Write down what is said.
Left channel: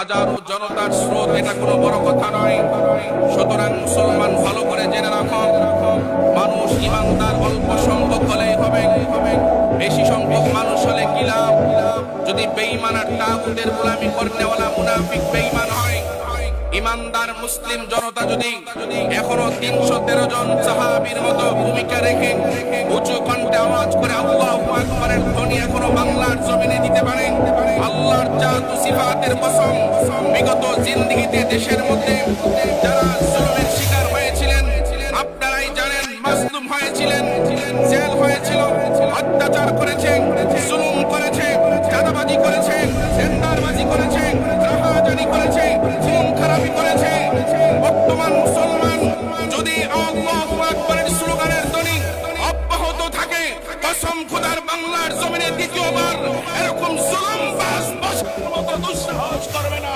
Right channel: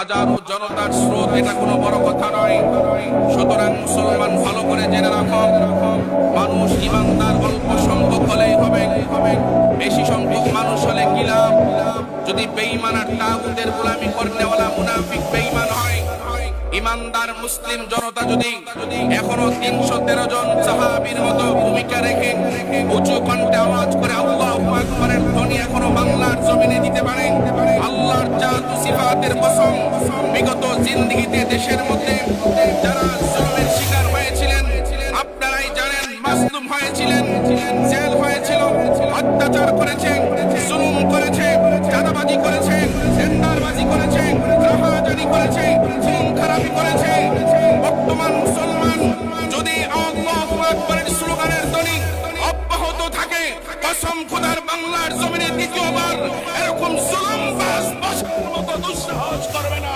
হাজারো জনতার স্রোত, এটা কোনো বড় কথা নয়। সুতরাং মুসলমান ভালো করে জেনে রাখো, মানুষ ইমানদার অল্প সংখ্যক হলেই হবে, বেশি সংখ্যক মানুষ হলে কি লাভ? যদি বেঈমান আর তাগুতের গোলামি করনেওয়ালা মুনাফিক বেঈমান হয়, ইমানদার মুসলিম জনতা যদি এখনো 313 জন সাহাবীর মতো ভূমিকা রেখে উঁচু কণ্ঠে আওয়াজ করে আল্লাহু আকবারের ধ্বনি এখনো বাংলার জমিনে দিতে পারে, আল্লাহর জাত ও সিফাতের কসম, বিগত জিন্দেগিতে দেশের মধ্যে যারা জুলুমের শিকার হয়েছিলেন আপনারাই জানেন, মাসলুম হয়েছিলেন, জেল হয়েছিল, অত্যাচার করেছে, জুলুম করেছে, চাঁদাবাজি করেছে, টেন্ডারবাজি করেছে, রাহাজানি করেছে, খুন খারাপি করেছে। বর্তমান মুসলমান যদি আল্লাহু আকবারের স্লোগানের ধ্বনি অব্যাহত থাকে, কসম খোদার বাংলার জমিনে দ্বিতীয়বার এরকম জুলুম বাস বসার মতো দুঃসাহস করবে না।